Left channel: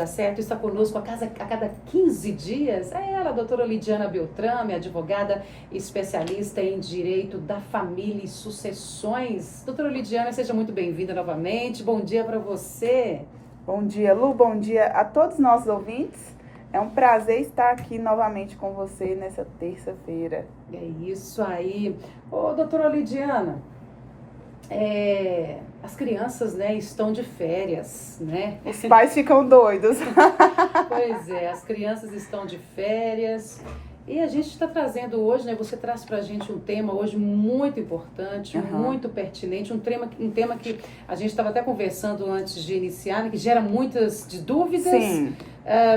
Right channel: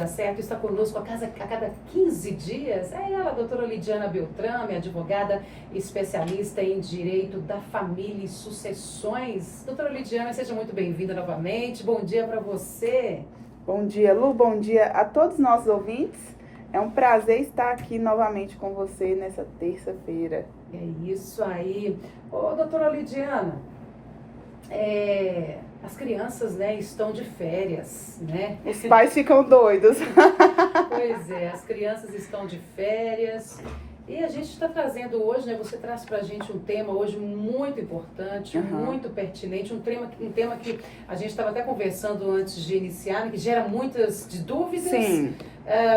Dar Certo está conosco a cada 15 dias. É ela, a doutora Lidiana Beltrame, advogada especialista em Direito da Família e Sucessões. Doutora Lidiana, seja muito bem-vinda novamente. Bom dia para você. Bom dia, Lu. Bom dia a todos os nossos ouvintes. É um prazer estar aqui novamente com você nessa terça-feira. É isso aí. Ô, doutora Lidiana, as crianças, né, estão de férias, né? Os pais ficam doidos. Pois é, as crianças estão de férias e a gente está trazendo hoje, né? Você traz para a gente um tema hoje muito importante, muito pertinente, um tema que a gente estava até conversando antes de iniciar, né, que gera muitas dúvidas,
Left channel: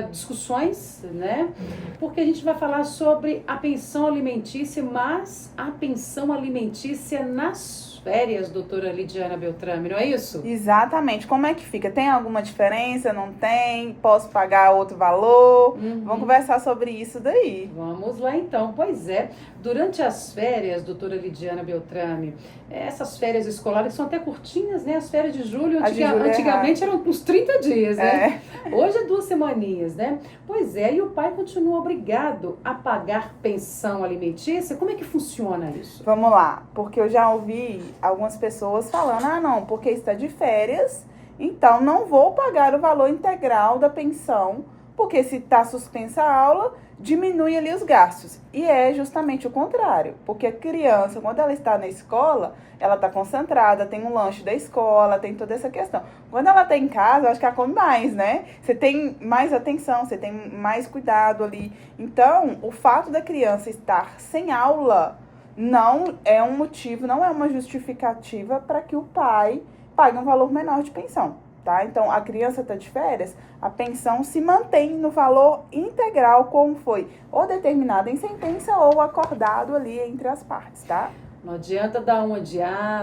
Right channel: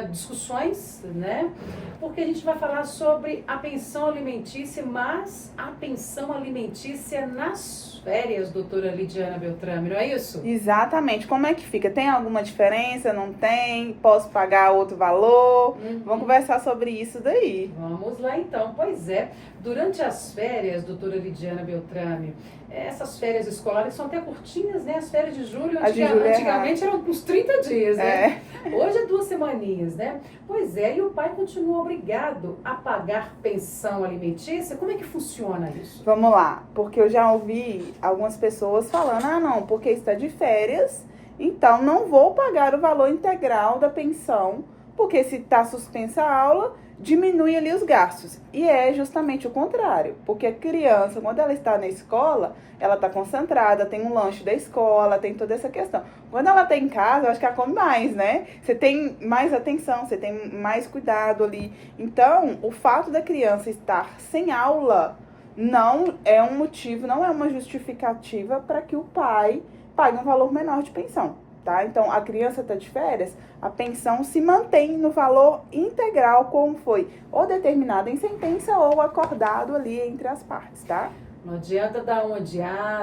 discussões, né? Porque a gente vai falar sobre a pensão alimentícia, mas a pensão alimentícia nas férias, doutora Lidiana Beltrame, não é isso? Exatamente. Como é que fica? Tem alguma diferença? Não tem? Posso pagar outro valor? Vamos conversar sobre isso daí. Vamos lá então. Pois é, durante as férias, doutora Lidiana Beltrame, essas férias escolares são até curtinhas, né? As férias de julho, antigamente eram uns 30 dias, né? Hoje é 2 semaninhas, né? Pois é, e o pai continua obrigado a pagar pensão alimentícia? Como é que funciona isso? Vamos lá, porque eu já ouvi algumas pessoas falando, não, porque está de férias, então não vou pagar o valor integral da pensão, porque se está suspensa a aula, diminui ali os gastos. E é justamente o contrário, porque a criança, quando ela está na escola, ela está concentrada, tem um lanche da escola, tem toda essa questão. Quando ela está em casa, eu acho que ela come mais, né? Você tem mais atenção, você tem mais cuidado ali. Então, o fato da criança estar sem aula não é um motivo, não é uma justificativa para que o pai pague um valor menor de pensão, tá? Então, a criança está de férias, a pensão se mantém no valor integral, como foi ou determinado em sentença ou acordado ali entre as partes, tá? Não adianta dar uma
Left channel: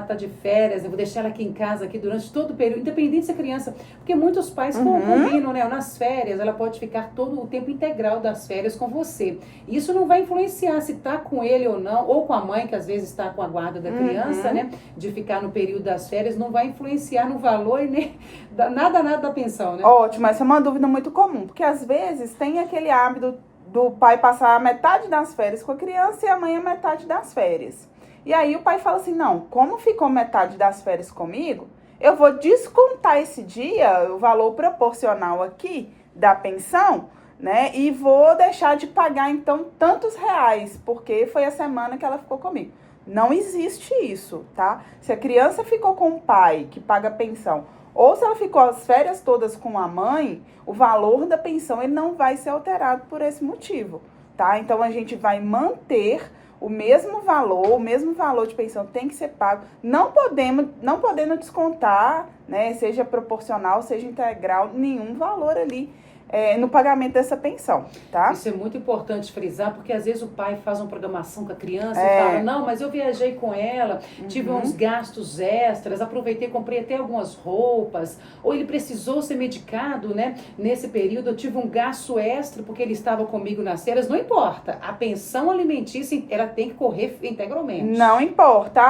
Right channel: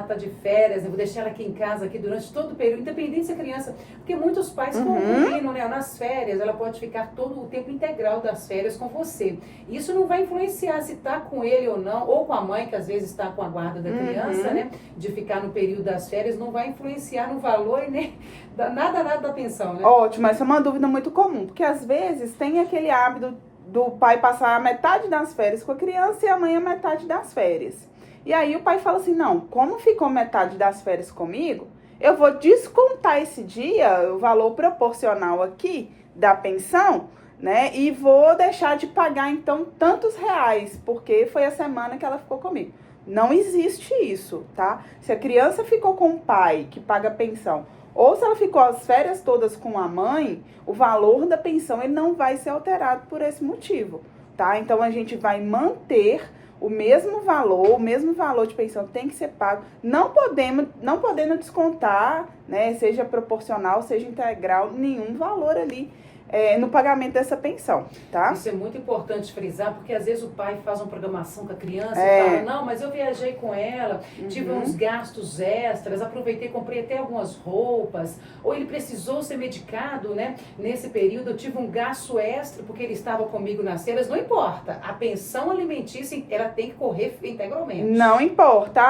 tá de férias, eu vou deixar ela aqui em casa aqui durante todo o período, independente se a criança... Porque muitos pais combinam, né? Nas férias, ela pode ficar todo o tempo integral das férias com você. E isso não vai influenciar se tá com ele ou não, ou com a mãe, que às vezes está com a guarda da criança, né? De ficar no período das férias, não vai influenciar no valor e nem nada da pensão, né? Ótimo, essa é uma dúvida muito comum, porque às vezes tem aquele hábito do pai passar a metade das férias com a criança e a mãe a metade das férias. E aí o pai fala assim, não, como ficou metade das férias comigo, eu vou descontar esse dia, o valor proporcional aqui da pensão, né? E vou deixar de pagar, então, tantos reais, porque foi a semana que ela ficou comigo. Não existe isso, tá? Se a criança ficou com o pai que paga pensão, ou se ela ficou as férias todas com a mãe, o valor da pensão ele não vai ser alterado por esse motivo, tá? Então, a gente vai manter o mesmo valor de pensão tem que ser pago, não podendo descontar, né, seja proporcional, seja integral, nenhum valor ali no pagamento dessa pensão, tá? Isso é muito importante frisar, porque às vezes o pai faz uma programação com a criança e fala, não, mas eu viajei com ela, tive uns gastos extras, aproveitei, comprei até algumas roupas, ou ele precisou ser medicado, né? Nesse período eu tive um gasto extra porque ele estava comigo nas férias, não importa, a pensão alimentícia, ela tem que correr integralmente. Não importa,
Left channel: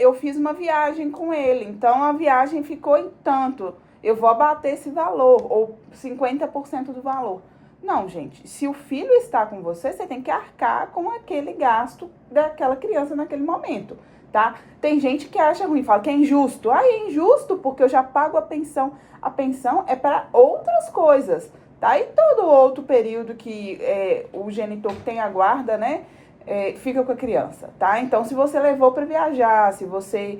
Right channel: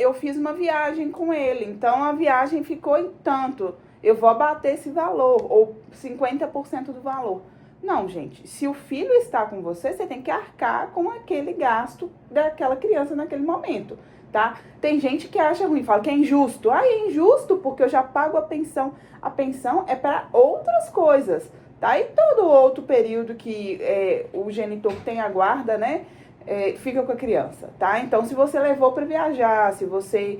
eu fiz uma viagem com ele, então a viagem ficou em tanto, eu vou abater esse valor, ou 50% do valor. Não, gente, se o filho está com você, você tem que arcar com aquele gasto daquela criança naquele momento, tá? Tem gente que acha ruim, fala que é injusto. É injusto porque eu já pago a pensão. A pensão é para outras coisas, tá? E todo outro período que o genitor tem a guarda, né? Fica com a criança, tá? Então, se você levou para viajar, se você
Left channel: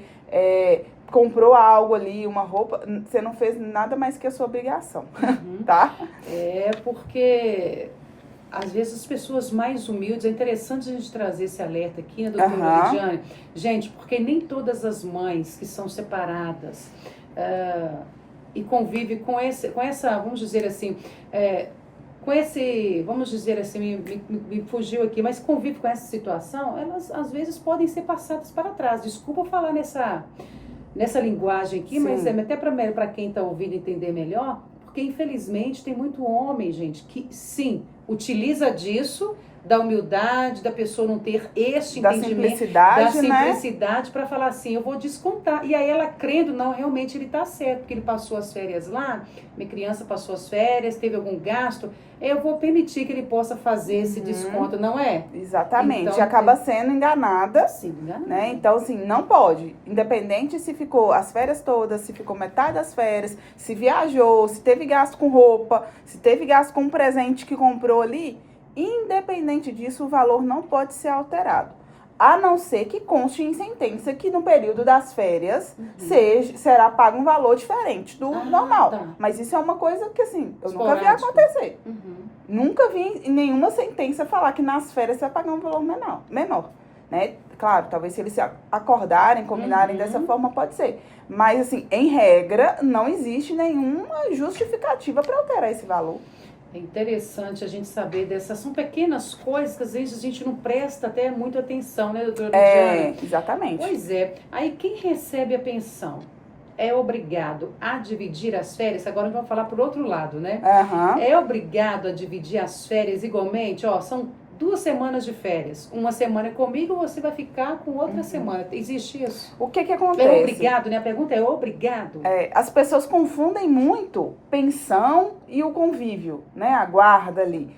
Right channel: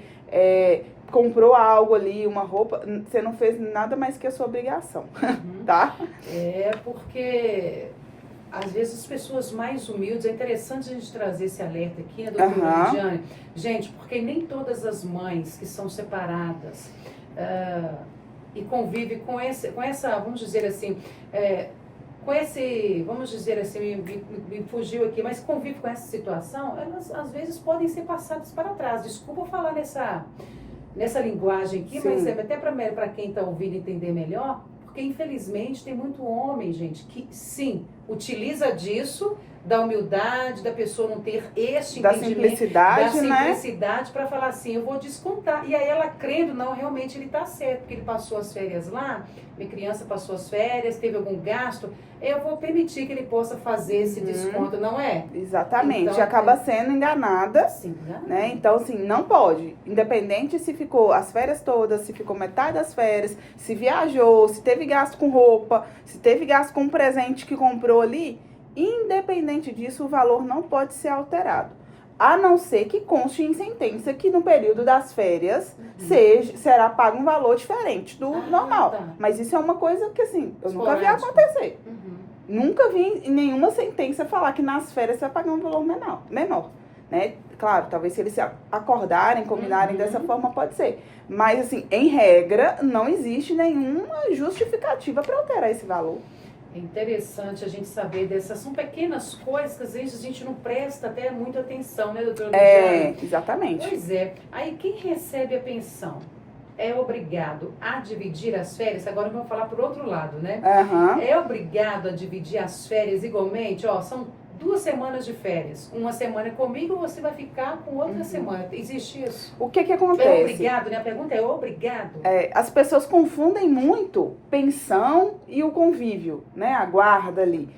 comprou algo ali, uma roupa, você não fez nada mais que a sua obrigação, tá? Porque às vezes as pessoas mais humildes, é interessante a gente trazer esse alerta aqui, né, doutora Lidiane? Gente, porque nem todas as mães que são separadas e convivem com essa, vamos dizer assim, vamos dizer assim, me fugiu aqui, mas convive com essa situação, elas às vezes podem ser passadas para trás. Desculpa falar nessa linguagem aqui, mas até para quem está ouvindo entender melhor, porque infelizmente tem muito homem, gente, que sim, utiliza disso da humildade, da pessoa não ter este da entendimento, simplicidade, da né? simplicidade para falar assim, eu vou descontar. E aí ela crendo, não, realmente ele está certo, porque ele passou as férias lá, minha criança passou as férias, teve algum gasto, eu vou permitir que ele possa fazer esse desconto, não é? Exatamente, Então, e acaba sendo enganada, Sim, né? Então, assim, não pode. Independente se ficou as férias todas, se ficou metade das férias, se viajou, se teve gasto com roupa, se teve gasto com um presente que comprou ali, independente disso, o valor não pode ser alterado. A não ser que conste em sentença que no período das férias será pago um valor diferente do normal. Tá. Mas isso é uma coisa que, assim, eu nunca vi Esporádico. acontecer. Uhum. Nunca vi em nenhuma sentença falar que nas férias você vai pagar um valor menor, né? Claro, talvez se eles se acordarem, combinarem dessa forma, pode ser. Mas, assim, em regra, não existe nenhuma justificativa para alterar esse valor. É interessante a gente saber dessas, são pequenas coisas que às vezes a gente não presta até muita atenção, né, doutora Lidiane? Exatamente. Pois é. Aí quem recebe a pensão é obrigado a dividir as férias? Agora vamos falar por outro lado, né? Aham. É obrigado a dividir as férias igualmente? Ó, são 2 semanas de férias. Uma semana é comigo, você vai ficar com outra semana. Existe isso? O que É acontece? obrigado, né? A pergunta é obrigado? As pessoas confundem muito pensão e o convívio, né? A guarda ali.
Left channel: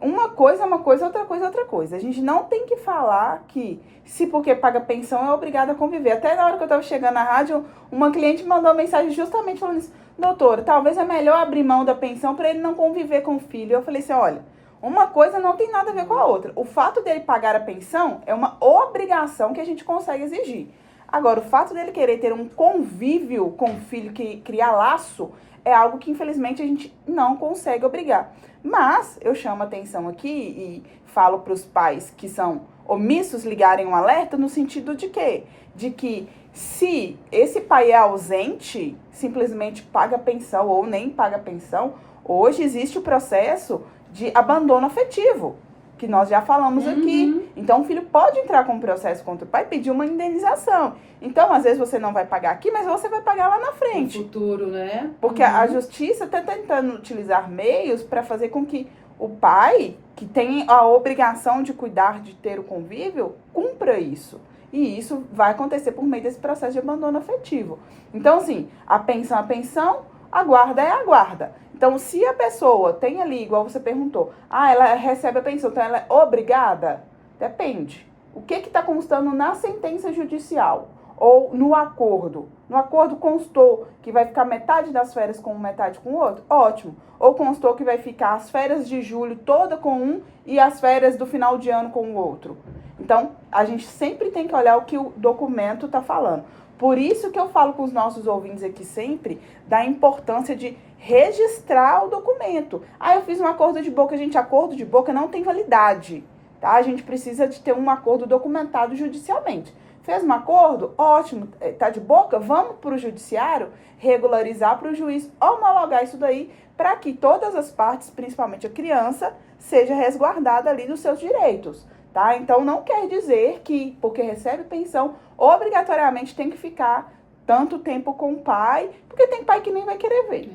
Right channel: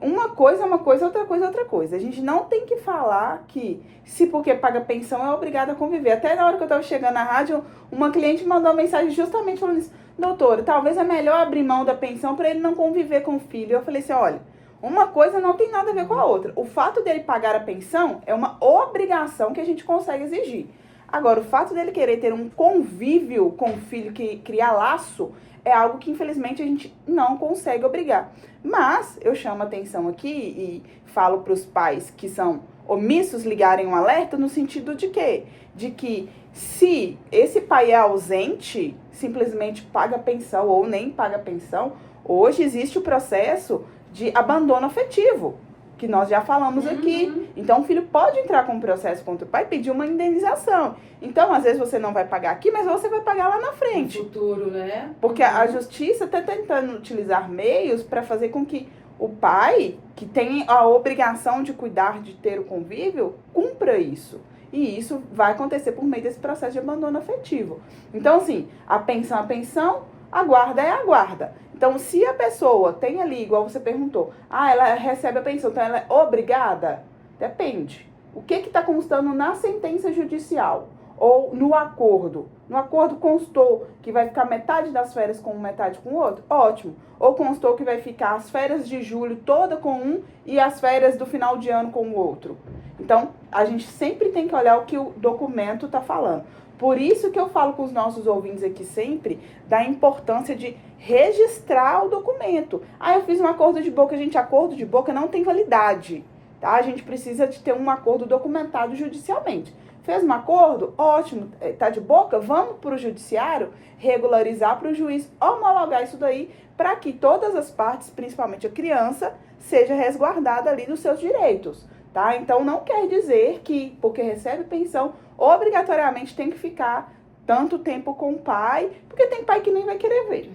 Uma coisa é uma coisa, outra coisa é outra coisa. A gente não tem que falar que se porque paga pensão é obrigado a conviver. Até na hora que eu estava chegando na rádio, uma cliente mandou uma mensagem justamente falando isso. Doutora, talvez é melhor abrir mão da pensão para ele não conviver com o filho. Eu falei assim, olha, uma coisa não tem nada a ver com a outra. O fato dele pagar a pensão é uma obrigação que a gente consegue exigir. Agora, o fato dele querer ter um convívio com o filho, que criar laço, é algo que infelizmente a gente não consegue obrigar. Mas eu chamo a atenção aqui e falo para os pais que são omissos ligarem um alerta no sentido de quê? De que se esse pai é ausente, simplesmente paga pensão ou nem paga pensão, hoje existe o processo de abandono afetivo, que nós já falamos aqui. Então, o filho pode entrar com um processo contra o pai e pedir uma indenização. Então, às vezes você não vai pagar aqui, mas você vai pagar lá na frente. No futuro, né? Porque a justiça está tentando utilizar meios para fazer com que o pai, que tem a obrigação de cuidar, de ter o convívio, cumpra isso. E isso vai acontecer por meio desse processo de abandono afetivo. Então, assim, a pensão, a guarda é a guarda. Então, se a pessoa tem ali, igual você perguntou, ela recebe a pensão, então ela é obrigada? Depende. O que está constando na sentença judicial? Ou no acordo? No acordo constou que vai ficar metade das férias com um, metade com o outro? Ótimo. Ou constou que vai ficar as férias de julho toda com um e as férias do final de ano com o outro? Então, a gente sempre tem que olhar o que o documento está falando. Por isso que eu falo com os nossos ouvintes aqui sempre da importância de registrar o documento. Eu fiz um acordo de boca. Gente, acordo de boca não tem validade, tá? A gente precisa de ter um acordo documentado judicialmente. Fez um acordo? Ótimo. Tá de boca? Vamos para o judiciário regularizar para o juiz homologar isso daí para que todas as partes, principalmente a criança, seja resguardada ali dos seus direitos, tá? Então, não quer dizer que, porque recebe pensão, obrigatoriamente tem que ficar tanto tempo com o pai, porque tem pai que nem vai querer ver.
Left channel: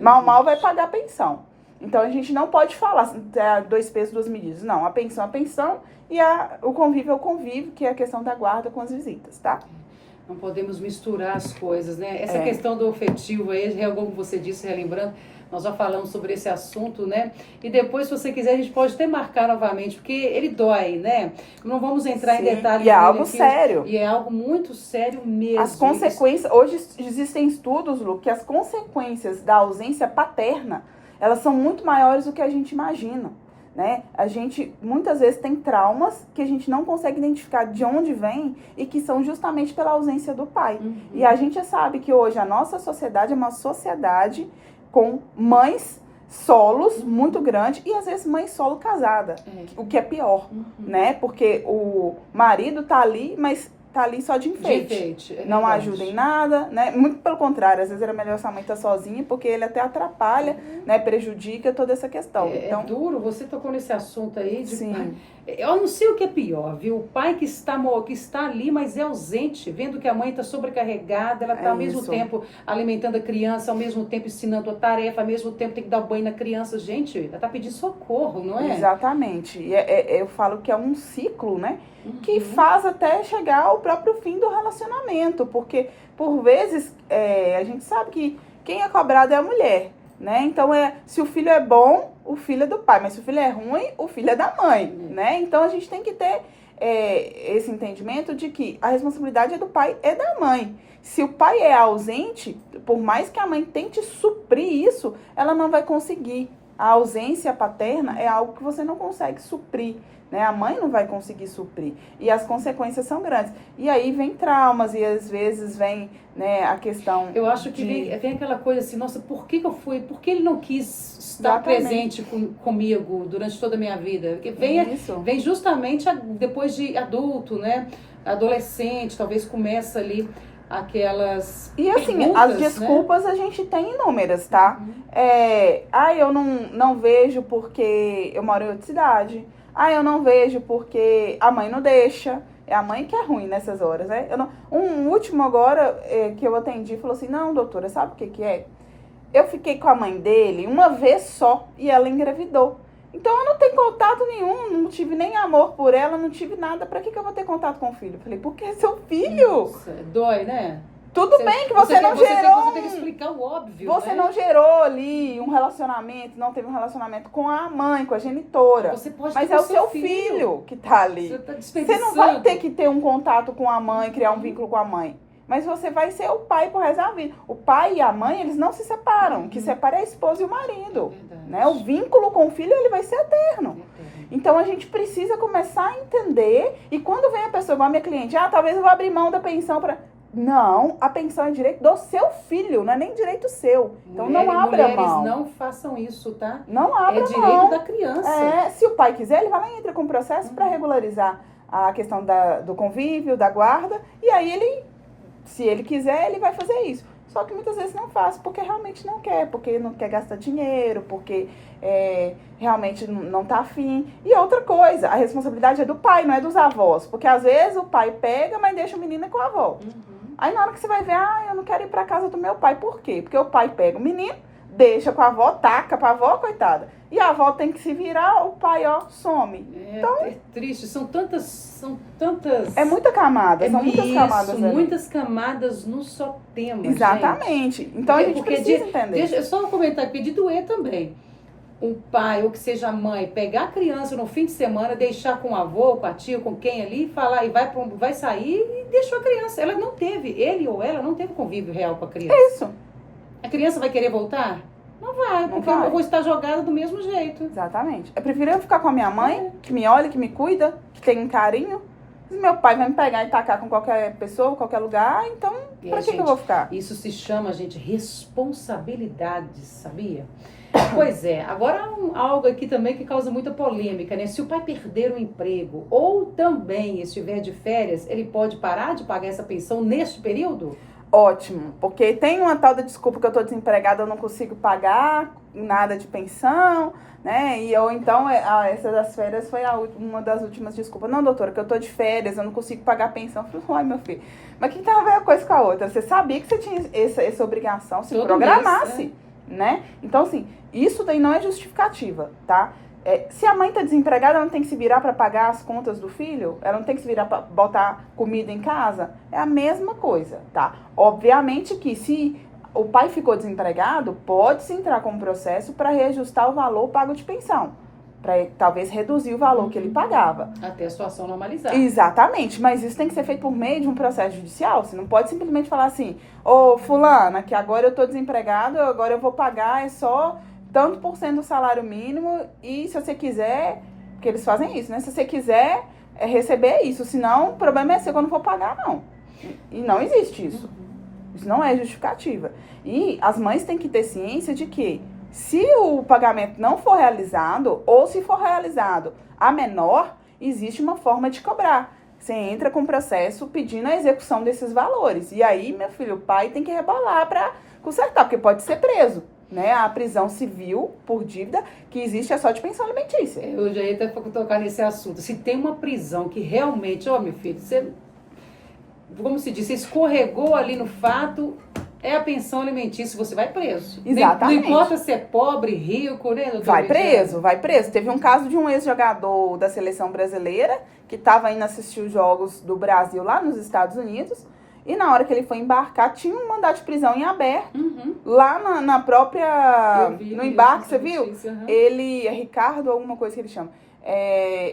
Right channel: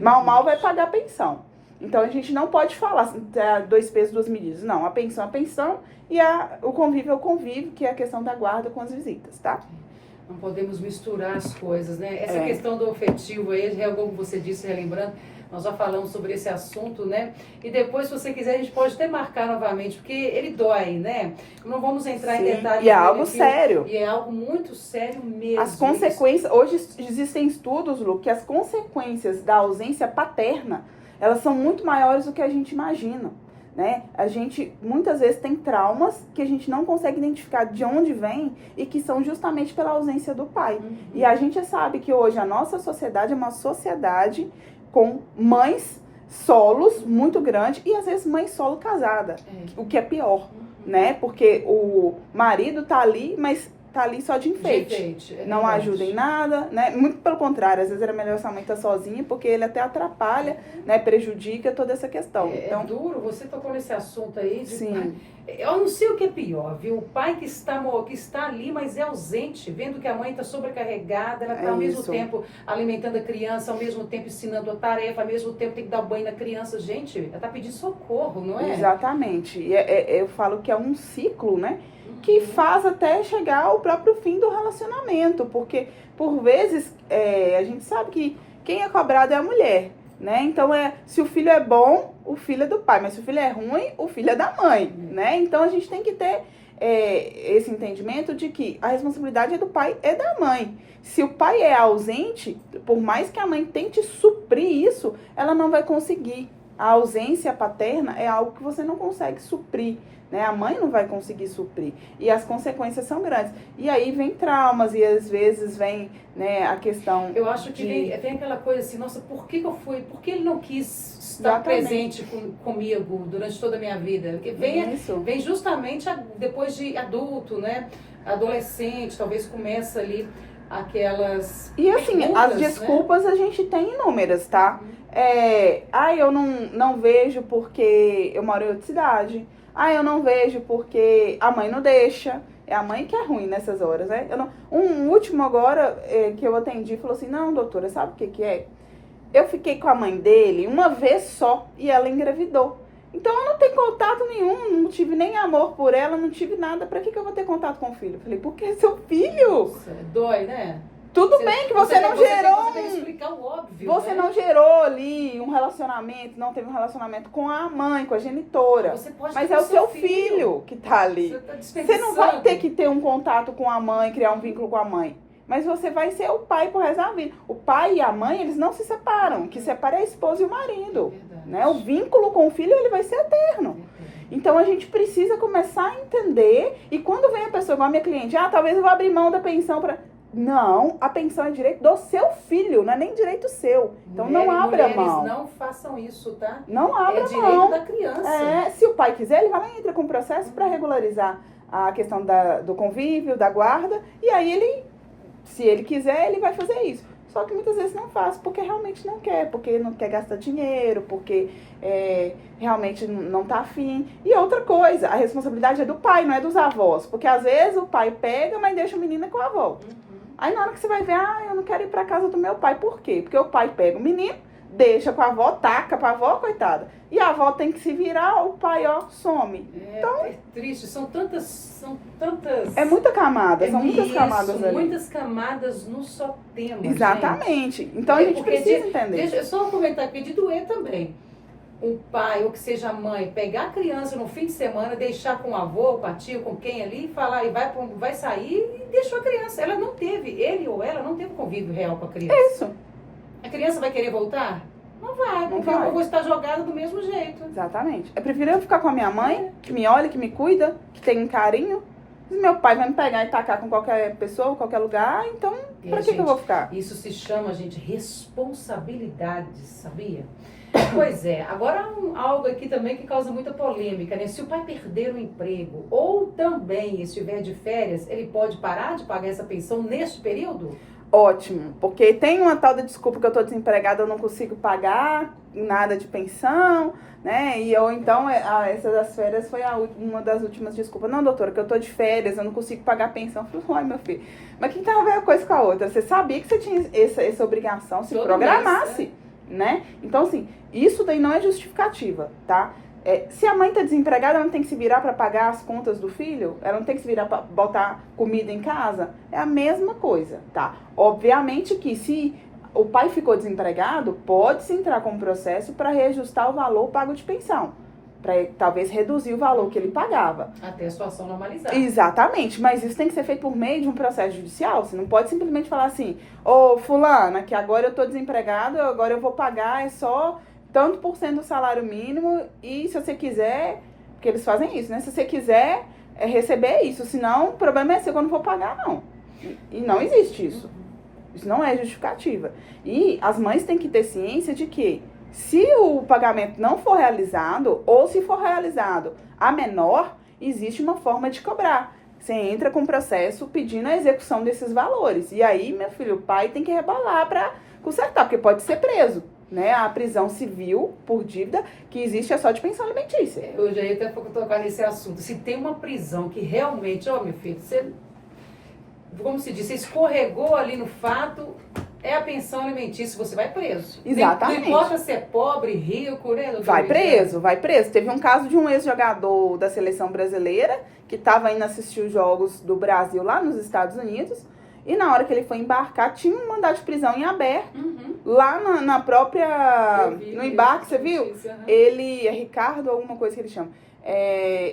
Mal vai pagar a pensão. Então, a gente não pode falar 2 pesos, 2 medidas. Não, a pensão é a pensão e o convívio é o convívio, que é a questão da guarda com as visitas, tá? Não podemos misturar as coisas, né? Essa questão do afetivo aí, como você disse, relembrando, nós já falamos sobre esse assunto, né? E depois, se você quiser, a gente pode até marcar novamente, porque ele dói, né? Não vamos entrar em detalhes. E é algo sério. E é algo muito sério mesmo. As consequências, hoje existem estudos, Lu, que as consequências da ausência paterna, elas são muito maiores do que a gente imagina, né? A gente, muitas vezes, tem traumas que a gente não consegue identificar de onde vem e que são justamente pela ausência do pai. E a gente sabe que hoje a nossa sociedade é uma sociedade com mães solos muito grande e às vezes mãe solo casada, o que é pior, né? Porque o marido tá ali, mas tá ali só de enfeite. Não ajuda em nada, né? Muito pelo contrário, às vezes era melhor essa mãe estar sozinha, porque ele até atrapalha, né? Prejudica toda essa questão. Então, é duro, você tocou nesse assunto aí. Sim. Eu não sei o que é pior, viu? O pai que está ali, mas é ausente, vendo que a mãe está sobrecarregada, ela está ao mesmo tempo alimentando a criança, ao mesmo tempo ensinando a tarefa, ao mesmo tempo tem que dar banho na criança. Gente, ela está pedindo socorro, não é? Exatamente. E eu falo que é um ciclo, né? Que faz até chegar ao próprio fim do relacionamento, porque por vezes a gente sabe que quem é cobrado é a mulher, né? Então se o filho é bom, o filho é do pai, mas se o filho é ruim, o filho é da mãe, né? Então a gente tem que ter esse entendimento de que a responsabilidade é do pai e da mãe. Se o pai é ausente, por mais que a mãe tente suprir isso, ela não vai conseguir. A ausência paterna é algo que você não consegue suprir, né? A mãe não vai conseguir suprir. E as consequências são grandes. E aí vem traumas e às vezes vem, né, a questão... Eu acho que vem aquela coisa assim, nossa, por que eu fui? Por que ele não quis estar presente comigo durante toda a minha vida? Porque vem justamente depois de adulto, né? Adolescente, talvez começa ali aquelas... E assim, as desculpas, né? A gente tem inúmeras, tá? Eu não vejo porque eu moro em outra cidade. Eu não vejo porque a mãe não deixa. É a mãe que é ruim nessas horas, né? Um último agora que eu atendi falou assim, não, doutora, sabe o que é? Eu fiquei com a mãe dele uma vez só e ela engravidou. Então eu não tenho contato nenhum, não tive nem amor por ela, não tive nada. Pra que eu vou ter contato com o filho? Eu falei, porque é seu filho. Nossa, dói, né? Tudo bem que você não gerou. Você tem que explicar o óbvio. Você né? não gerou ali um relacionamento, não teve um relacionamento com a mãe, com a genitora. Mas é o seu filho que tá ali. Você não vai ter que ter um contato com a mãe, criar um vínculo com a mãe. Mas você vai ser o pai por resto da vida. O pai e a mãe, eles não se separam. O que separa é a esposa e o marido. Né? O vínculo com o filho, ele vai ser eterno. Então, a gente precisa começar a entender. E quando vem a pessoa, igual a minha cliente, talvez eu vou abrir mão da pensão para... Não, a pensão é direito do seu filho, não é nem direito seu. Então, não abra mão. Não façam isso, tá? Não abra mão. É direito da criança. Se o pai quiser, ele vai lá e entra com o processo para regularizar a questão do convívio, da guarda. E aí, se ele quiser, ele vai fazer isso. Só que muitas vezes não faz, porque realmente não quer. Porque não quer gastar dinheiro, porque realmente não tá afim. E outra coisa, a responsabilidade é do pai, não é dos avós. Porque às vezes o pai pega, mas deixa o menino com a avó. Aí na hora que você vai ver, eu não quero ir pra casa do meu pai. Por quê? Porque o pai pega o menino, deixa com a avó, taca pra avó, coitada. E a avó tem que se virar, o pai, some. Então, é triste, são tantas... É muita camada, são muitas camadas ali. Muitas camadas no só tema. Exatamente. Gente. Então a gente precisa entender. Deixa eu só comentar aqui, de doer também. O pai, ou que seja a mãe, pegar a criança no fim de semana, deixar com o avô, com a tia, com quem ali, falar e vai sair e deixou a criança. Ela não teve, ele ou ela não teve convívio real com a criança. Isso. A criança vai querer voltar? Não vai, porque eu vou estar jogada do mesmo jeito. Exatamente. É preferível eu ficar com a minha mãe, que me olha, que me cuida, que tem um carinho. Se meu pai vai me pegar e tacar com qualquer pessoa, qualquer lugar, então pra que eu vou ficar? Isso se chama, gente, responsabilidade, sabia? Pois é, agora algo aqui também que causa muita polêmica, né? Se o pai perder o emprego ou também estiver de férias, ele pode parar de pagar essa pensão neste período? Ótimo, porque tem uma tal da desculpa que eu tô desempregada, eu não consigo pagar nada de pensão, né? Ou então, essa das férias foi uma das últimas desculpas. Não, doutora, que eu tô de férias, eu não consigo pagar a pensão. Eu falei, meu filho, mas que tem a ver uma coisa com a outra? Você sabia que você tinha essa obrigação, se programasse, mês, né? Então, assim, isso daí não é justificativa, tá? Se a mãe tá desempregada, ela não tem que se virar para pagar as contas do filho? Ela não tem que se virar para botar comida em casa? É a mesma coisa, tá? Obviamente que se o pai ficou desempregado, pode-se entrar com um processo para reajustar o valor pago de pensão. Para talvez reduzir o valor que ele pagava. Até a situação normalizar. Exatamente, mas isso tem que ser feito por meio de um processo judicial. Você não pode simplesmente falar assim, fulana, que agora eu tô desempregado, agora eu vou pagar, só tanto por cento do salário mínimo, e se você quiser, porque eles fazem isso, né? Se você quiser receber isso, senão o problema é seu, que eu não vou pagar, não. E não existe isso. Isso não é justificativa. E as mães têm que ter ciência de que se o pagamento não for realizado, ou se for realizado a menor, existe uma forma de cobrar. você entra com o processo pedindo a execução desses valores. E aí, meu filho, o pai tem que rebolar para consertar, porque pode ser preso. Né? A prisão civil por dívida que existe é só de pensão alimentícia. Eu já ia até tocar nesse assunto. Se tem uma prisão que realmente, ó, meu filho, você, como se diz, você escorregou ali no fato, é a pensão alimentícia, você vai preso. Exatamente. Não importa se é pobre, rico, né? Vai preso, vai preso. Teve um caso de um ex-jogador da seleção brasileira que estava indo assistir os jogos do Brasil lá nos Estados Unidos. E na hora que ele foi embarcar, tinha um mandado de prisão em aberto. Lá na própria... no embarque, você viu? Ele... É Ricardo, alguma coisa que ele chama.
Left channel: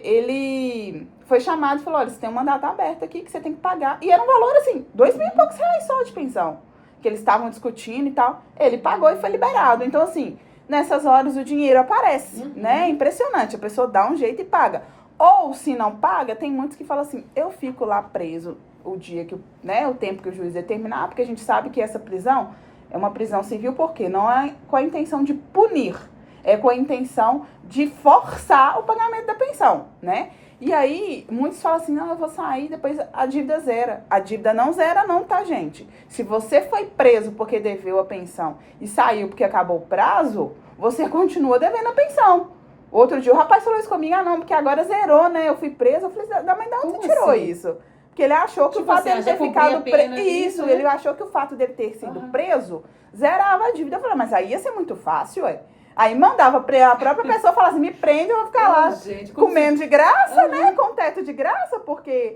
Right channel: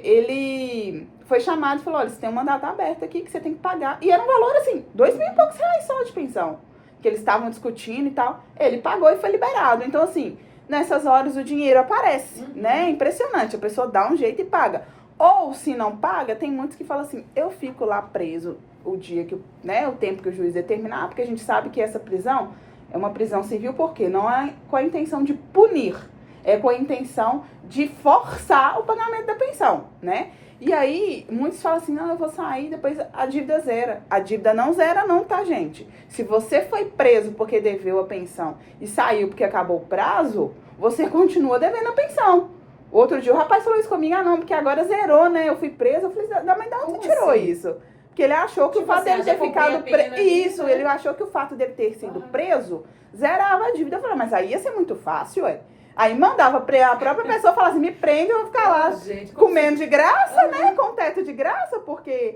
Ele foi chamado e falou, olha, você tem um mandato aberto aqui que você tem que pagar. E era um valor, assim, 2 mil e poucos reais só de pensão. Que eles estavam discutindo e tal. Ele pagou e foi liberado. Então, assim, nessas horas o dinheiro aparece, né? É impressionante. A pessoa dá um jeito e paga. Ou, se não paga, tem muitos que falam assim, eu fico lá preso o dia que, né, o tempo que o juiz determinar, porque a gente sabe que essa prisão é uma prisão civil, porque não é com a intenção de punir, é com a intenção de forçar o pagamento da pensão, né? E aí, muitos falam assim, não, eu vou sair, depois a dívida zera. A dívida não zera não, tá, gente? Se você foi preso porque deveu a pensão e saiu porque acabou o prazo, você continua devendo a pensão. Outro dia o rapaz falou isso comigo, não, porque agora zerou, né? Eu fui preso, eu falei, mas da onde tirou assim? Isso? Porque ele achou que tipo o fato dele ter ficado preso. Isso, né? Ele achou que o fato dele ter sido preso zerava a dívida. Eu falei, mas aí ia ser muito fácil, ué. Aí mandava a própria pessoa falar assim, me prende, eu vou ficar lá comendo de graça, né? Com teto de graça, porque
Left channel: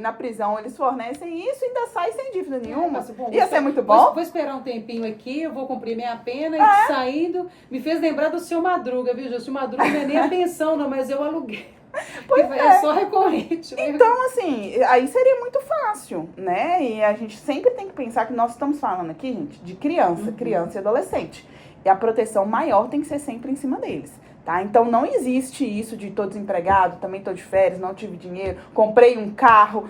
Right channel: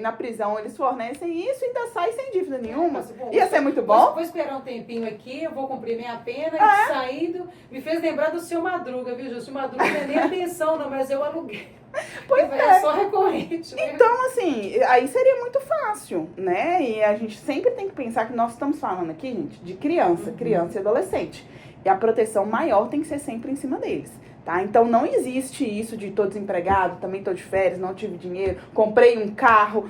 na prisão eles fornecem isso e ainda sai sem dívida nenhuma. Ia ser muito bom. Vou esperar um tempinho aqui, eu vou cumprir minha pena e saindo. Me fez lembrar do seu Madruga, viu, gente? O Madruga não é nem a pensão, não, mas eu aluguei. Pois é só recorrente. Então, assim, aí seria muito fácil, né? E a gente sempre tem que pensar que nós estamos falando aqui, gente, de criança e adolescente. E a proteção maior tem que ser sempre em cima deles, tá? Então, não existe isso de tô desempregado, também tô de férias, não tive dinheiro, comprei um carro,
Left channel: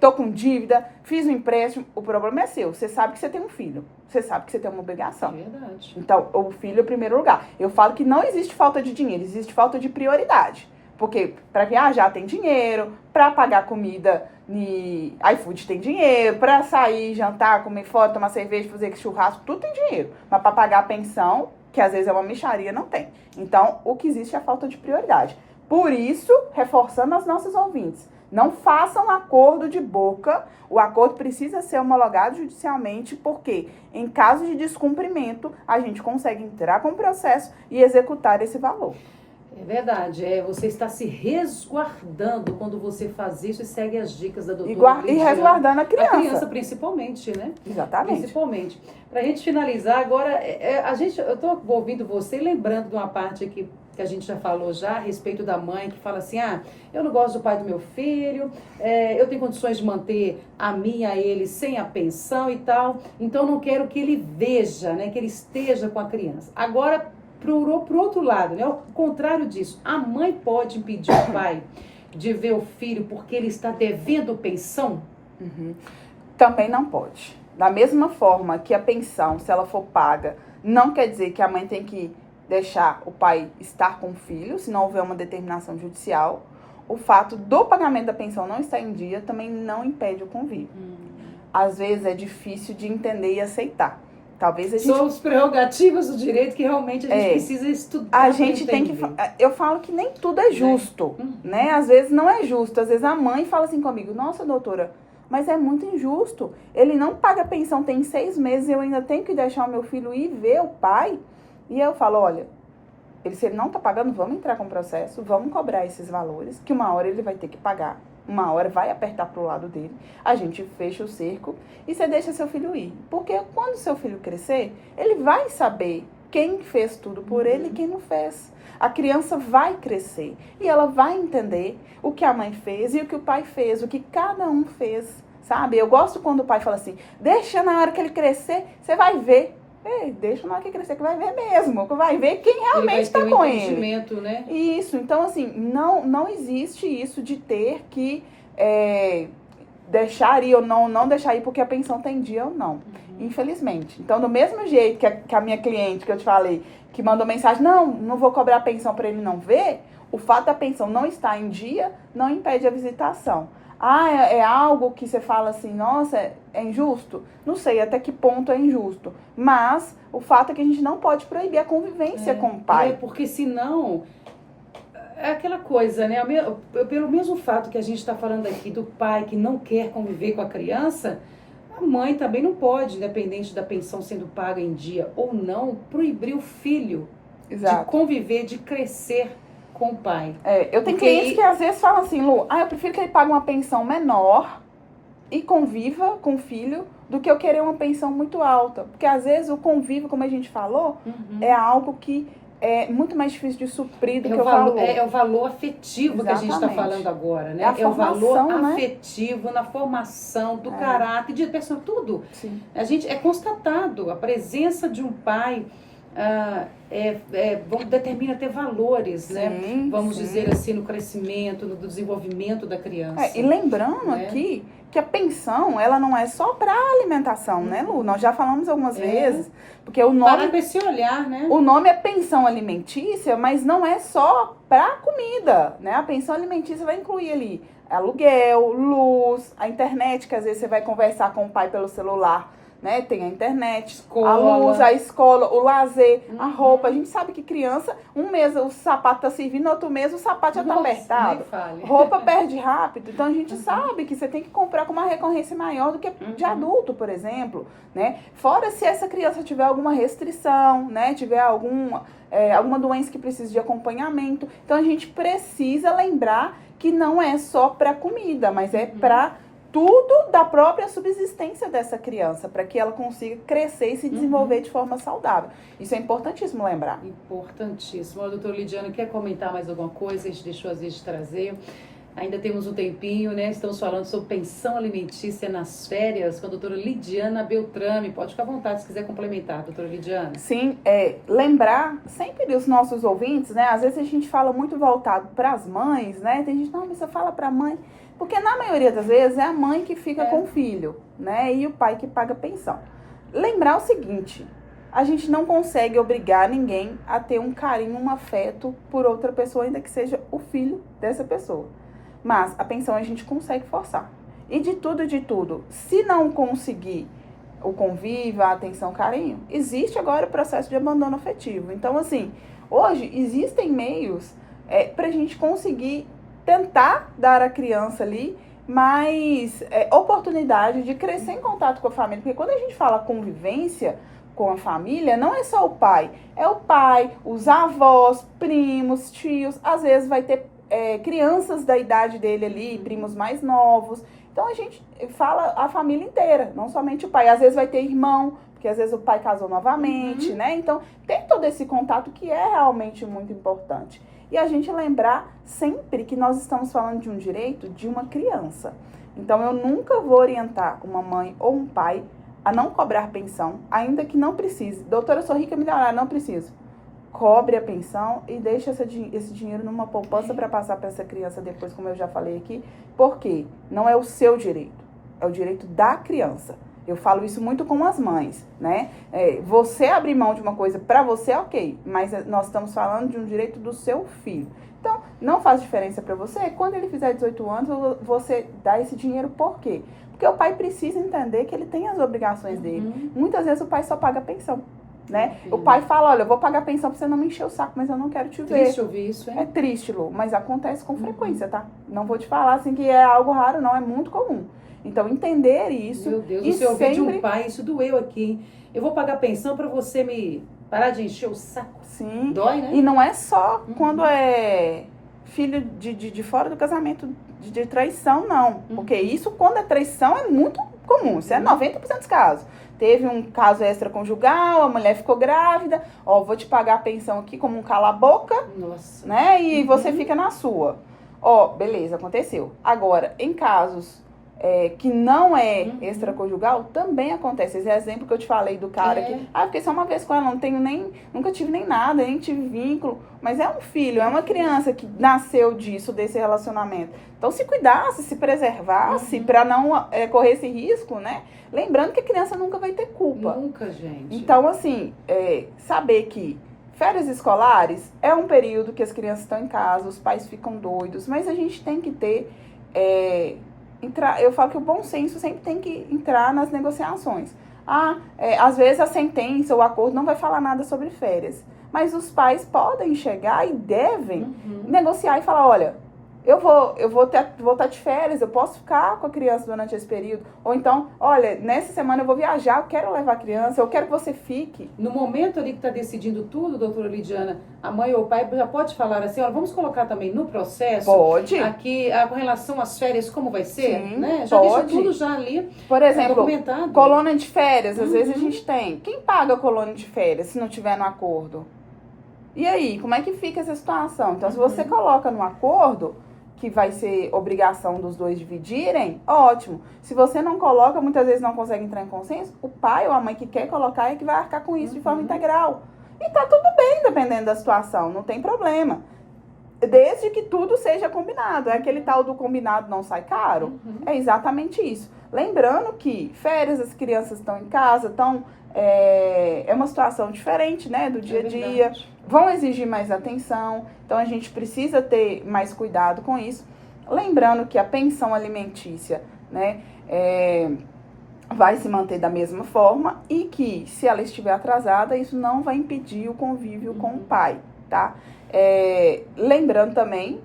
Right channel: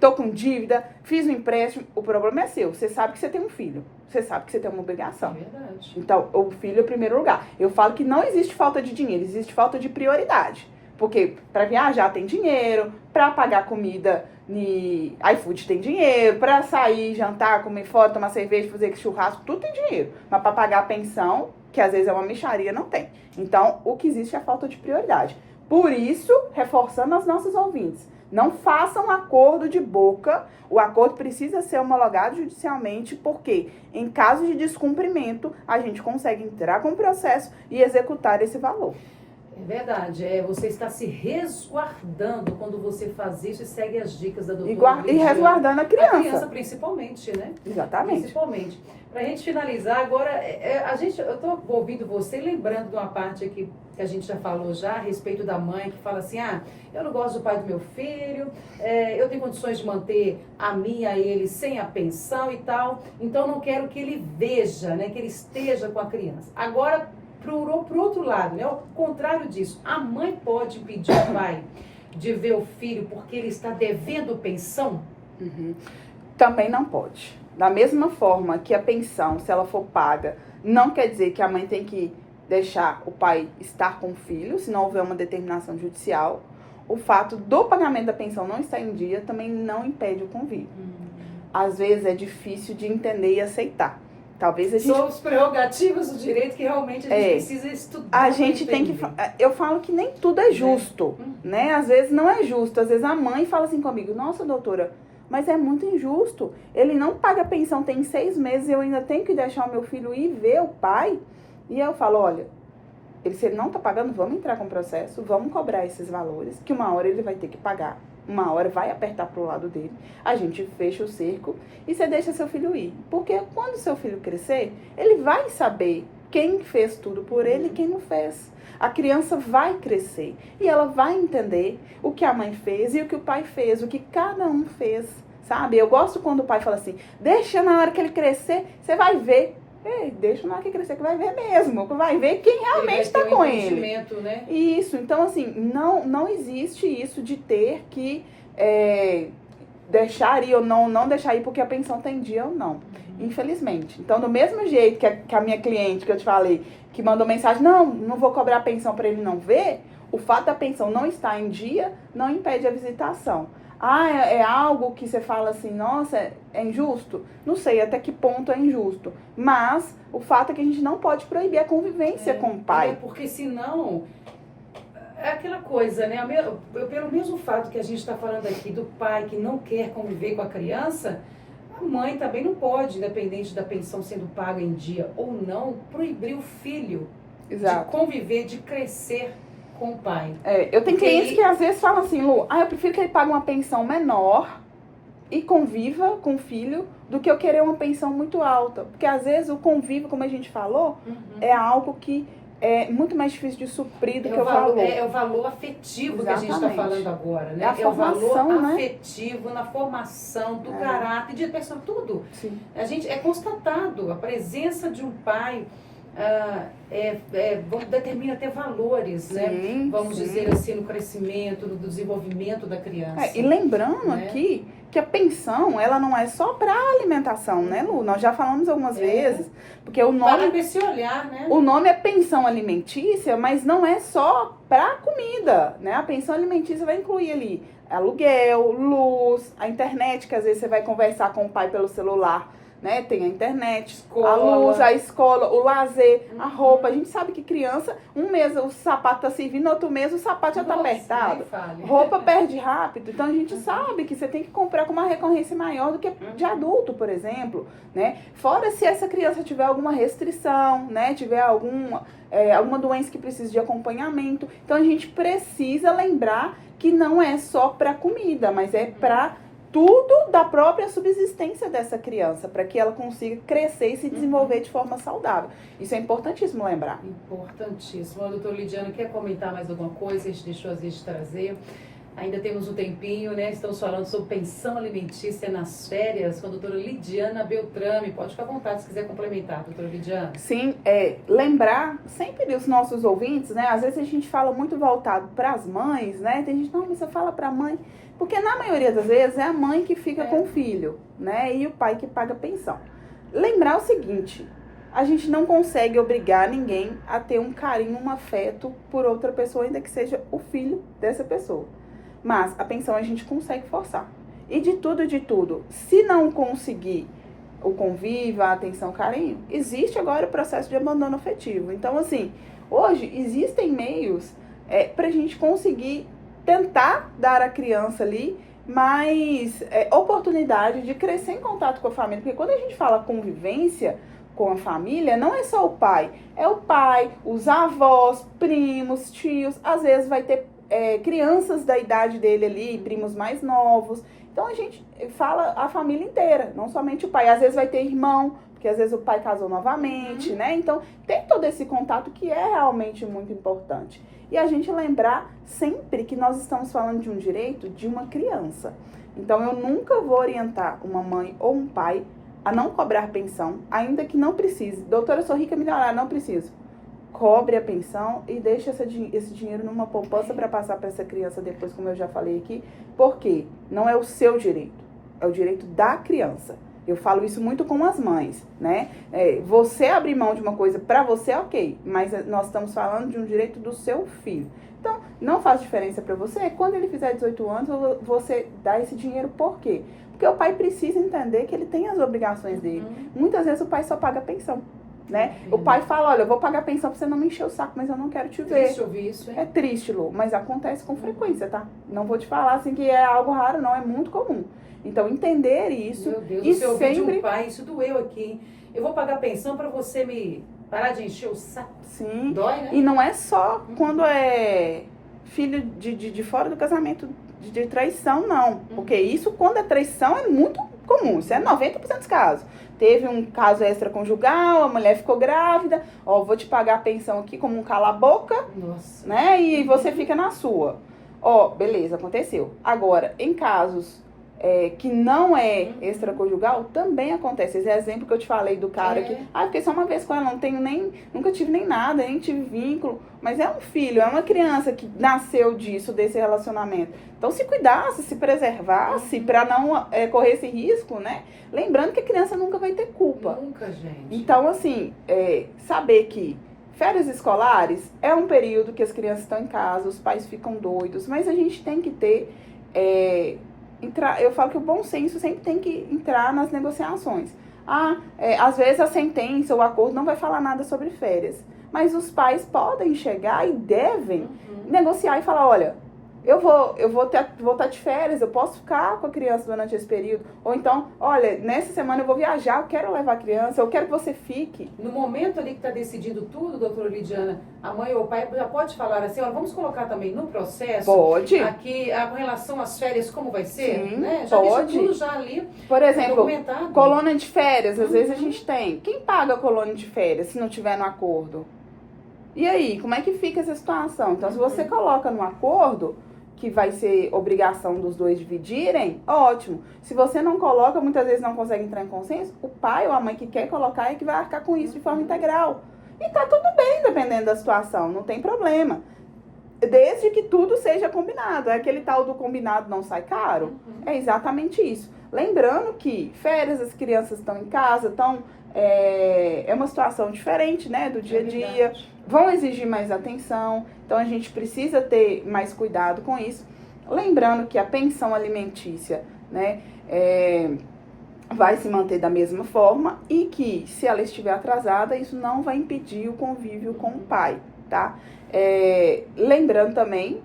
tô com dívida, fiz um empréstimo. O problema é seu. Você sabe que você tem um filho. Você sabe que você tem uma obrigação. É verdade. Então, o filho é o primeiro lugar. Eu falo que não existe falta de dinheiro, existe falta de prioridade. Porque para viajar tem dinheiro, para pagar comida no iFood tem dinheiro, para sair, jantar, comer fora, tomar cerveja, fazer churrasco, tudo tem dinheiro. Mas para pagar a pensão, que às vezes é uma mixaria, não tem. Então, o que existe é a falta de prioridade. Por isso, reforçando aos nossos ouvintes, não façam acordo de boca. O acordo precisa ser homologado judicialmente, porque em caso de descumprimento, a gente consegue entrar com o processo e executar esse valor. É verdade, você está se resguardando quando você faz isso e segue as dicas da doutora. E resguardando a criança. A criança principalmente, né? Exatamente. Principalmente. Para a gente finalizar agora, eu estou ouvindo você, lembrando de uma parte aqui que a gente já falou já, a respeito da mãe, que fala assim, eu não gosto do pai do meu filho, eu tenho condições de manter a mim e a ele sem a pensão e tal, então eu não quero que ele veja, né, que ele esteja com a criança. Agora, pro outro lado, né? Ao contrário disso, a mãe pode impedir o pai de ver o filho porque ele está devendo pensão? Também não pode. Da mesma forma que a pensão, se ela for paga, não quer dizer que a mãe tem que deixar o pai estar com o filho, se não houver uma determinação judicial. O fato do pagamento da pensão não estar em dia também não impede o convívio. Às vezes é difícil de entender e aceitar. Talvez a gente... São os prerrogativas do direito que realmente a gente precisa estudar. A gente tem que... Eu falo que nem tudo é justo, né? Às vezes não é justo. Às vezes a mãe fala assim comigo, nossa, doutora, mas é muito injusto. Ele não paga pensão, tem 6 meses, eu ainda tenho que deixar o meu filho ir ver o pai. E eu falo, olha, se ele não tá pagando, vamos entrar com o processo, vamos cobrar esses valores, que uma hora ele vai ter que pagar. Uma hora vai apertar pro lado dele, a gente fecha o cerco e você deixa seu filho ir. Porque quando seu filho crescer, ele vai saber quem fez tudo por ele e quem não fez. A criança vai crescer e ela vai entender o que a mãe fez e o que o pai fez, o que cada um fez, sabe? Eu gosto quando o pai fala assim, deixa na hora que ele crescer, você vai ver. Deixa na hora que crescer que vai ver mesmo, que vai ver quem realmente está com ele. Né? Isso, então assim, não existe isso de ter que deixar ir ou não deixar ir porque a pensão tem dia ou não, infelizmente. Então, do mesmo jeito que a minha cliente que eu te falei, que mandou mensagem, não vou cobrar a pensão para ele não ver, o fato da pensão não estar em dia não impede a visitação. é algo que você fala assim, nossa, é injusto? Não sei até que ponto é injusto. Mas o fato é que a gente não pode proibir a convivência com o pai. Porque senão, é aquela coisa, né? Pelo mesmo fato que a gente está falando aqui do pai que não quer conviver com a criança, a mãe também não pode, independente da pensão sendo paga em dia ou não, proibir o filho de conviver, de crescer com o pai. Eu tenho clientes que às vezes falam assim, Lu, eu prefiro que ele pague uma pensão menor e conviva com o filho do que eu querer uma pensão muito alta. Porque às vezes o convívio, como a gente falou, é algo que é muito mais difícil de suprir do que o valor. É o valor afetivo que a gente está falando agora, né? É a formação, o valor afetivo na formação do caráter, de pessoa, tudo. Sim. A gente é constatado, a presença de um pai determina ter valores, né? Vamos dizer assim, no crescimento, no desenvolvimento da criança. E lembrando aqui que a pensão, ela não é só para alimentação, né, Lu? Nós já falamos algumas vezes, porque o nome... Para esse olhar, né? O nome é pensão alimentícia, mas não é só para comida, né? A pensão alimentícia vai incluir ali aluguel, luz, a internet, que às vezes você vai conversar com o pai pelo celular, né? Tem a internet, a luz, a escola, o lazer, a roupa. A gente sabe que criança, um mês o sapato tá servindo, outro mês o sapato já tá apertado. Roupa perde rápido. Então a gente sabe que você tem que comprar com uma recorrência maior do que de adulto, por exemplo, né? Fora se essa criança tiver alguma restrição, né? Tiver alguma doença que precise de acompanhamento. Então a gente precisa lembrar que não é só para comida, mas é para tudo da própria subsistência dessa criança, para que ela consiga crescer e se desenvolver de forma saudável. Isso é importantíssimo lembrar. Importantíssimo. A doutora Lidiane, quer comentar mais alguma coisa? A gente deixou às vezes de trazer. Ainda temos um tempinho, né? Estamos falando sobre pensão alimentícia nas férias com a doutora Lidiana Beltrame. Pode ficar à vontade se quiser complementar, doutora Lidiana. Sim, lembrar sempre dos nossos ouvintes, né? Às vezes a gente fala muito voltado para as mães, né? Tem gente, não, mas você fala para a mãe. Porque na maioria das vezes é a mãe que fica com o filho, né? E o pai que paga a pensão. Lembrar o seguinte, a gente não consegue obrigar ninguém a ter um carinho, um afeto por outra pessoa, ainda que seja o filho dessa pessoa. Mas a pensão a gente consegue forçar. E de tudo, se não conseguir o convívio, a atenção, o carinho, existe agora o processo de abandono afetivo. Então, assim, hoje existem meios pra gente conseguir tentar dar à criança ali mais oportunidade de crescer em contato com a família. Porque quando a gente fala convivência com a família, não é só o pai. É o pai, os avós, primos, tios. Às vezes vai ter crianças da idade dele ali, primos mais novos. Então a gente fala a família inteira, não somente o pai. Às vezes vai ter irmão, porque às vezes o pai casou novamente, né? Então tem todo esse contato que é realmente muito importante. E a gente lembrar sempre que nós estamos falando de um direito de uma criança. Então, eu nunca vou orientar uma mãe ou um pai a não cobrar pensão, ainda que não precise. Doutora, eu sou rica, milionária, não preciso. Cobre a pensão e deixe esse dinheiro numa poupança para passar para essa criança depois, como eu já falei aqui. Porque não é o seu direito, é o direito da criança. Eu falo isso muito com as mães, né? Você abrir mão de uma coisa para você, ok. Mas nós estamos falando de um direito do seu filho. Então, não faz diferença para você. Quando ele fizer 18 anos, você dá esse dinheiro por quê? Porque o pai precisa entender que ele tem as obrigações dele. Muitas vezes o pai só paga a pensão, né? O pai fala, olha, eu vou pagar a pensão pra você não me encher o saco, mas eu não quero te ver. Triste ouvir isso, hein? É triste, Lu, mas acontece com frequência, tá? Não vou te falar assim que é algo raro, não. É muito comum. Então, entender isso. Meu Deus, você ouviu de um pai, isso doeu aqui. Eu vou pagar pensão pra você me parar de encher o saco. Sim. Dói, né? E não é só quando é filho de fora do casamento, de traição, não. Porque isso, quando é traição, é muito comum. Isso é 90% dos casos. Teve um caso extraconjugal, a mulher ficou grávida. Ó, vou te pagar a pensão aqui como um cala-boca. Nossa. Né? E você fica na sua. Ó, beleza, aconteceu. Agora, em casos que não é extraconjugal, também acontece. Esse exemplo que eu te falei do cara que, fiquei só uma vez com ela, nunca tive nem nada, nem tive vínculo, mas é um filho, é uma criança que nasceu desse relacionamento. Então, se cuidasse, se preservasse, para não correr esse risco, né? Lembrando que a criança nunca vai ter culpa. Nunca, gente. Então, assim, saber que férias escolares é um período que as crianças estão em casa, os pais ficam doidos, mas a gente tem que ter eu falo que o bom senso sempre tem que entrar nas negociações. Às vezes a sentença, o acordo não vai falar nada sobre férias, mas os pais podem chegar e devem negociar e falar, olha, eu vou estar de férias, eu posso ficar com a criança durante esse período. Ou então, olha, nessa semana eu vou viajar, eu quero levar a criança, eu quero que você fique. No momento ali que está decidindo tudo, doutora Lidiana, a mãe ou o pai já pode falar assim, olha, vamos colocar também no processo. Pode. Aqui, com relação às férias, como vai ser? Sim, né? Já pode. deixa tudo já ali. Por exemplo, documentado. colônia de férias, às vezes a gente tem. Quem paga a colônia de férias se não tiver no acordo? E aí, como é que fica essa situação? Então, se você coloca no acordo, que vai ser obrigação dos dois dividirem, ótimo. Se você não coloca, muitas vezes não consegue entrar em consenso, o pai ou a mãe que quer colocar é que vai arcar com isso de forma integral. E tá tudo bem, dependendo da situação, não tem problema. Desde que tudo seja combinado. É aquele tal do combinado não sai caro? É exatamente isso. Lembrando que férias, as crianças estão em casa, é uma situação diferente, né, do dia a dia. Vão exigir mais atenção, então a gente precisa ter mais cuidado com isso. Lembrando que a pensão alimentícia, né, vai se manter da mesma forma e que, se ela estiver atrasada, isso não vai impedir o convívio com o pai, tá? Lembrando também,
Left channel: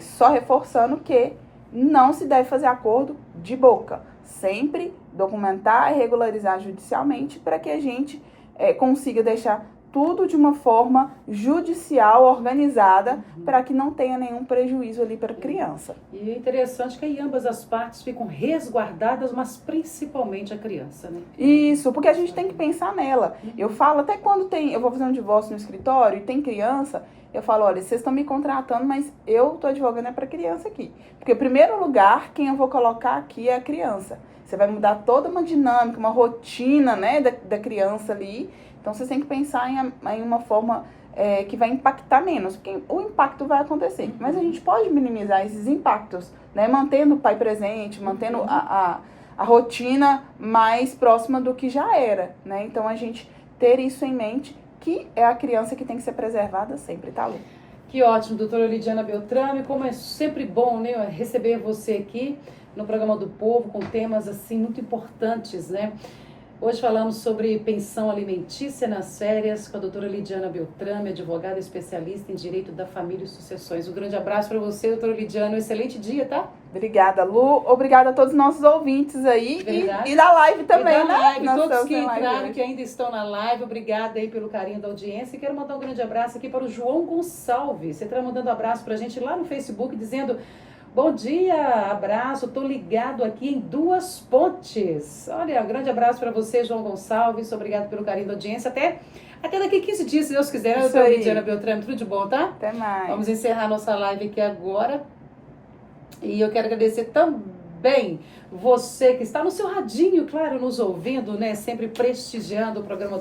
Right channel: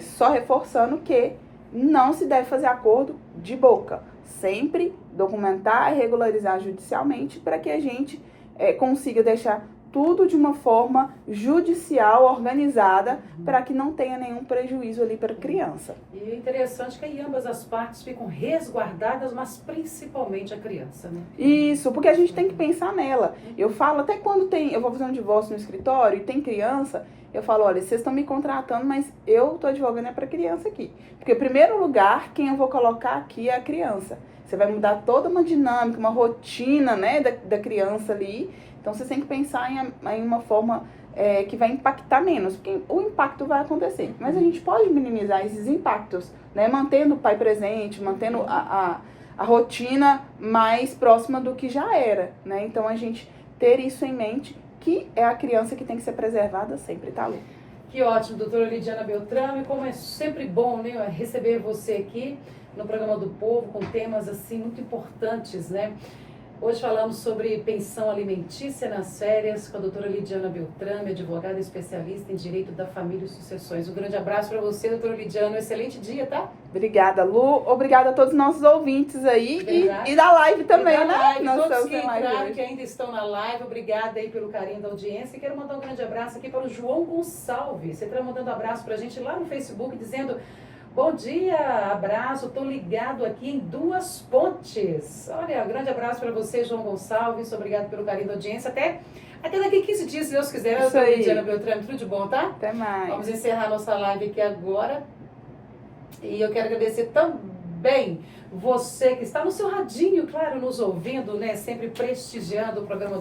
só reforçando que não se deve fazer acordo de boca. Sempre documentar e regularizar judicialmente para que a gente consiga deixar tudo de uma forma judicial, organizada, para que não tenha nenhum prejuízo ali para a criança. E é interessante que ambas as partes ficam resguardadas, mas principalmente a criança, né? Isso, porque a gente tem que pensar nela. Eu falo, até quando eu vou fazer um divórcio no escritório e tem criança, eu falo, olha, vocês estão me contratando, mas eu estou advogando para a criança aqui. Porque, em primeiro lugar, quem eu vou colocar aqui é a criança. Você vai mudar toda uma dinâmica, uma rotina, né, da criança ali. Então, você tem que pensar em uma forma que vai impactar menos, porque o impacto vai acontecer. Mas a gente pode minimizar esses impactos, né, mantendo o pai presente, mantendo a rotina mais próxima do que já era, né? Então, a gente ter isso em mente, que é a criança que tem que ser preservada sempre, tá, Lu? Que ótimo, doutora Lidiana Beltrame, como é sempre bom, né, receber você aqui no programa do Povo, com temas assim muito importantes, né? Hoje falamos sobre pensão alimentícia nas férias com a doutora Lidiana Beltrame, advogada especialista em direito da família e sucessões. Um grande abraço para você, doutora Lidiana, um excelente dia, tá? Obrigada, Lu. Obrigada a todos os nossos ouvintes aí e da live também, e da live, né? Todos que entraram, que ainda estão na live, obrigada aí pelo carinho da audiência. E quero mandar um grande abraço aqui para o João Gonçalves. Você está mandando um abraço para a gente lá no Facebook, dizendo: bom dia, abraço, tô ligado aqui em Duas Pontes. Olha, um grande abraço para você, João Gonçalves. Obrigado pelo carinho da audiência. Até daqui 15 dias, se Deus quiser. Eu tô Lidiana Beltrame, tudo de bom, tá? Até mais. Vamos encerrar nossa live aqui agora. E eu quero agradecer também você que está no seu radinho, claro, nos ouvindo, né? Sempre prestigiando o programa